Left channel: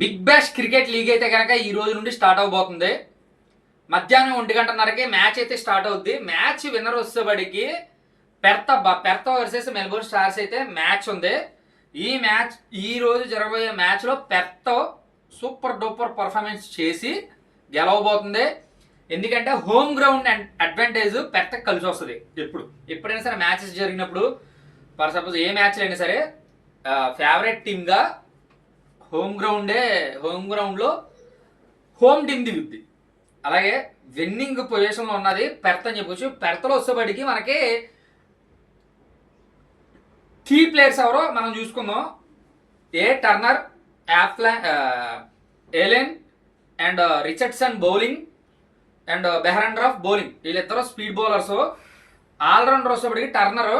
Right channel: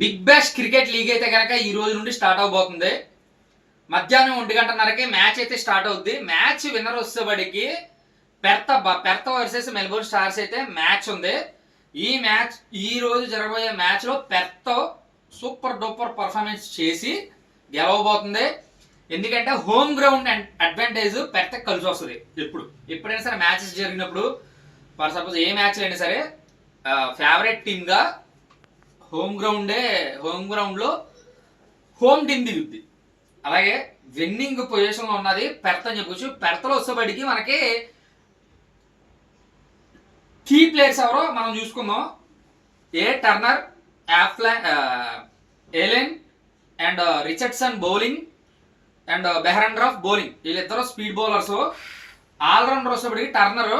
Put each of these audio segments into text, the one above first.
Big bash cricket league అయితే కనుక ఈ రోజు నుండి స్టార్ట్ అవబోతుంది. మధ్యాహ్నం 1:30కి మ్యాచ్ అయితే స్టార్ట్ అవుద్ది. మ్యాచ్ విన్నర్ వచ్చేబడికి పెర్త వర్సెస్ మెల్బోర్న్ స్టార్స్ అయితే మ్యాచ్ ఉంది. ఈ మ్యాచ్ ఈ రోజు జరగబోయే మ్యాచ్లో పెర్త సూపర్ డూపర్ పర్ఫార్మెన్స్ చేసి గెలవబోతుంది. ఎందుకంటే హోమ్ గ్రౌండ్ అడ్వాంటేజ్ పెర్త కలిసి వస్తుంది. ఎప్పుడైనా సరే మ్యాచెస్ జరిగినప్పుడు ఫర్ సపోజ్ ఏ మ్యాచ్లు అయినా సరే ఫేవరెట్ టీమ్గా హోమ్ గ్రౌండ్లో హోమ్ టీమ్ దిగుద్ది. అలాగే విన్నింగ్ పొజిషన్లో ఉన్నది పెర్త్ అని చెప్పొచ్చు. పెర్త్లో వచ్చేబడికి మనకి కీ ప్లేయర్స్ ఎవరో మనం చూసుకుందాం. Turner, Allen and Richardson bowling and Behrendorff bowling. వీళ్ళిద్దరూ స్పీడ్ బౌలర్స్. ఆల్రౌండర్ వచ్చేబడికి టర్నర్,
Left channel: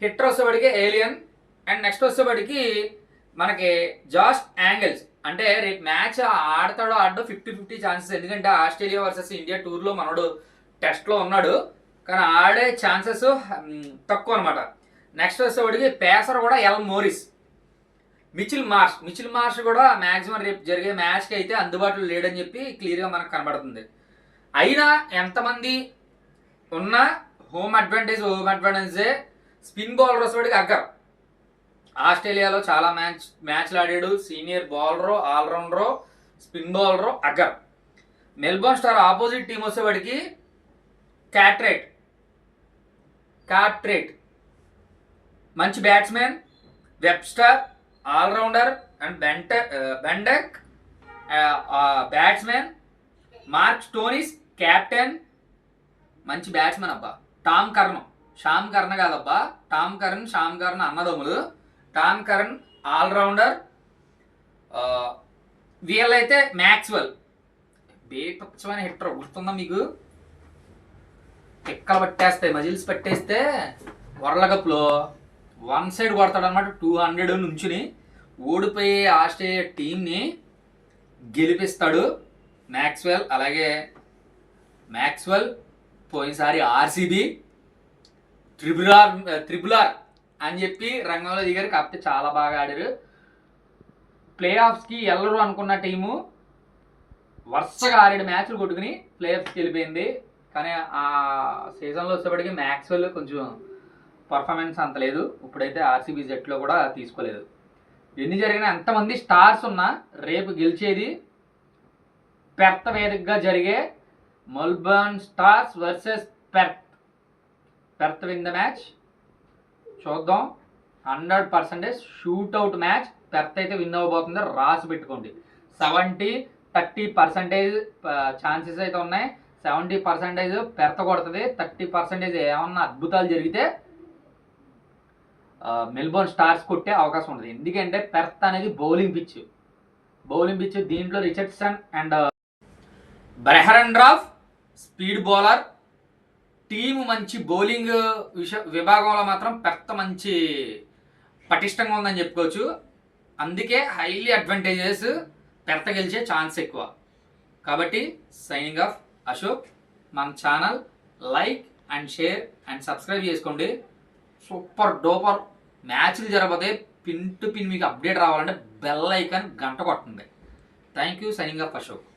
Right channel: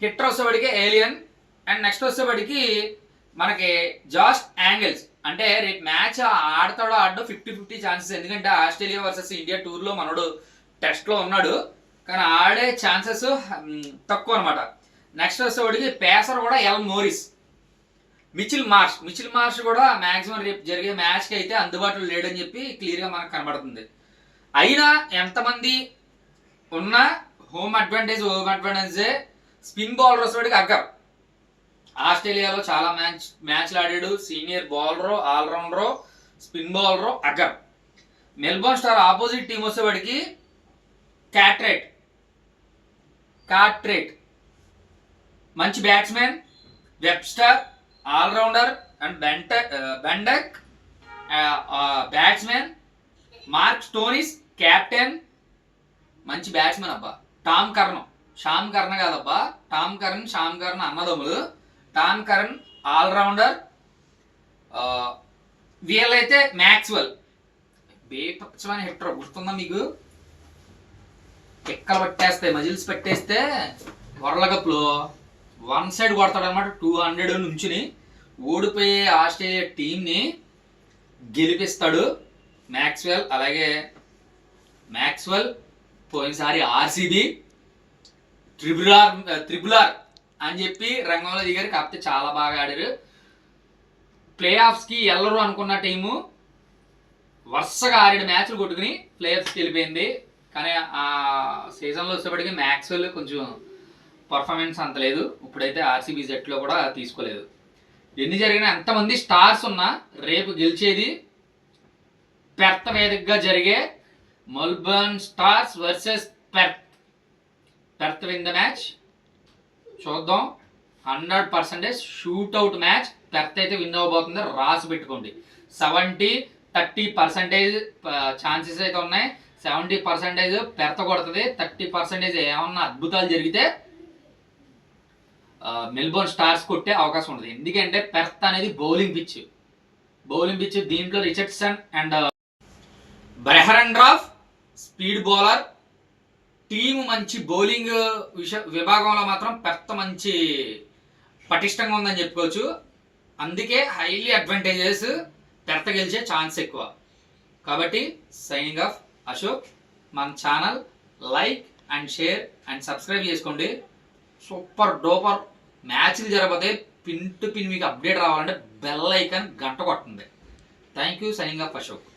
హిట్టర్ వచ్చేబడికి ఏలియన్ అండ్ నెక్స్ట్ వచ్చేబడికి మనకి జాష్ యాంగిల్స్. అంటే రేపు మ్యాచ్ ఆడతాడో ఆడో 50-50 ఛాన్సెస్. ఎందుకంటే ఆస్ట్రేలియా వర్సెస్ ఇండియా టూర్లో మనోడు టెస్ట్లో ఉన్నాడు, కానీ ఆడే ఛాన్సెస్ తక్కువ అనమాట. నెక్స్ట్ వచ్చేవాడికి పేసర్ కూడా ఎల్ మోరిస్. మిచిల్ మార్ష్ కూడా మ్యాక్సిమం రేపు జరిగే మ్యాచ్కి అయితే అందుబాటులో లేడని చెప్పి క్లియర్గా మనకు కనబడుతుంది. అయినా ఎంతమంది ఉన్నా హోమ్ అడ్వాంటేజే. స్పిన్ బౌలర్ వచ్చేవాడికి అగ్గర్. ఆస్ట్రేలియాలో చాలా మ్యాచ్లు ఆడాడు. Senior bowler, allrounder, spin bowler Agar. Melbourne Star opposite team వచ్చేవాడికి కార్ట్రేట్ మంచి batsmen, Webster allrounder and Ben Duckett batsmen. Mark Stoinis captain, మంచి బ్యాట్స్మెన్ అబ్బా. షామ్ కర్న్ కాదబ్బా, షామ్ కర్న్ అన్నదమ్ములు. Tom Curran allrounder. వీళ్ళైతే మ్యాక్స్వెల్ బేపచ్చమని హిట్టర్. గుర్తుందా మీకు? ఎక్కలు పట్టేస్తాయి, మజిల్స్ పట్టేస్తే వరల్డ్ కప్లో వన్ సైడ్ కొడతాడు అనమాట. 200 నుంచుని ఓడిపోయే ఆస్ట్రేలియా టీంని గెలిపిస్తాడు మ్యాక్స్వెల్. అలాగే మ్యాక్స్వెల్ పోయినసారి ఆర్సీబీ త్రిబులార్ అని చెప్పి రంగంలో దిగారు. కాకపోతే చాలా బాగా ఆడారు. ప్లే ఆఫ్స్కి వెళ్ళరు అనుకున్న టీము వరుసగా 6 మ్యాచ్లు కొట్టుకుని ప్లే ఆఫ్స్కి వెళ్ళిపోయింది. కానీ ఆ సీజన్లో వచ్చేప్పటికి మ్యాక్స్వెల్ కొంచెం పర్ఫార్మెన్స్ అంత లేదు. ఇప్పుడైతే ఆర్సీబీ జట్లో కూడా తీసుకోలేదు. ఎన్ని జరిగినా ఎంతమంది స్టార్స్ ఉన్నా రేపు గెలిచేది పెర్త్ వేదికగా జరిగే Melbourne stars versus Perth win the match. చూద్దాం. 100% షూట్అవుట్ మ్యాచ్. పెర్త్ అయితే విన్ అవ్వబోతుంది. రాసి పెట్టుకోండి. 70-30% ఛాన్సెస్ అయితే ఉన్నాయి. 70% పెర్త్ కొడుతుంది. 30% ఏమన్నా అద్భుతాలు జరిగితే మెల్బోర్న్ స్టార్స్ కొట్టే అవకాశం ఉంటుంది. ఎందుకంటే పెర్త్ అనేది బౌలింగ్ పిచ్. దీంట్లో Richardson and Behrendorff speed bowler. Team మంచి బౌలింగ్ విభాగంలో మాత్రం పెర్త్ మంచి పటిష్టంగా ఉందని చెప్పుకోవచ్చు. అందుకే హైలీ అడ్వాంటేజెస్ పెర్త్ గెలిచే ఛాన్స్ ఎక్కువ. కాబట్టి సైనింగ్ ఆఫ్ అశోక్. మన channel like and share and subscribe చేసుకోండి. సూపర్ డూపర్ మ్యాచ్లు జరగబోతే పిన్ టు పిన్ మీకు అప్డేట్ రావాలంటే బెల్ ఐకాన్ గంట కొట్టండి. Thank you. Signing off Ashok.